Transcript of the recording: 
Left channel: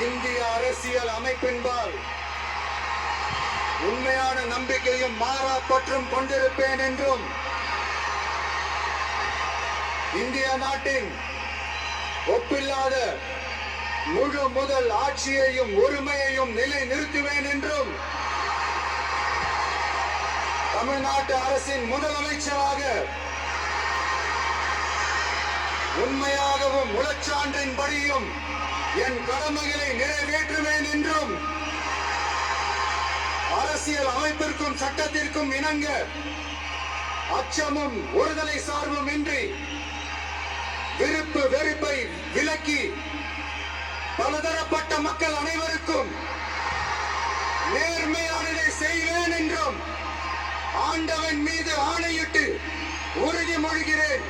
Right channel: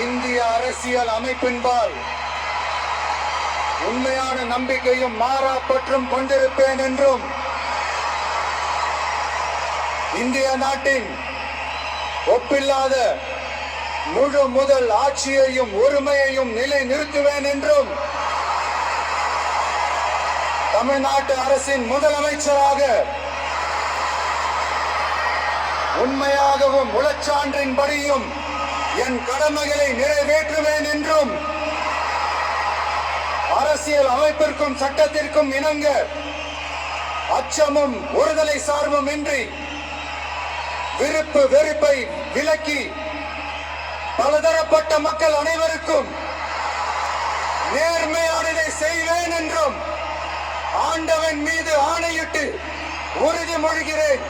இந்திய அரசியல் அமைப்பின்பால் உண்மையான நம்பிக்கையும் மாறா பற்றும் கொண்டிருப்பேன் என்றும் இந்திய நாட்டின் ஒப்பில்லாத முழு முதல் ஆட்சியையும் உரிமையையும் நிலை நிறுத்துவேன் என்றும் தமிழ்நாட்டு அரசின் முதலமைச்சராக உண்மையாகவும் உளச்சான்றின்படியும் என் கடமைகளை நிறைவேற்றுவேன் என்றும் அரசியல் அமைப்பிற்கும் சட்டத்திற்கும் இணங்க அச்சமும் ஒருதலை சார்பும் இன்றி விருப்பு வெறுப்பை விலக்கி பலதரப்பட்ட மக்கள் அனைவருக்கும் நேர்மையானதை செய்வேன் என்றும் ஆண்டவன் மீது ஆணையிட்டு உறுதிமொழிகிறேன்.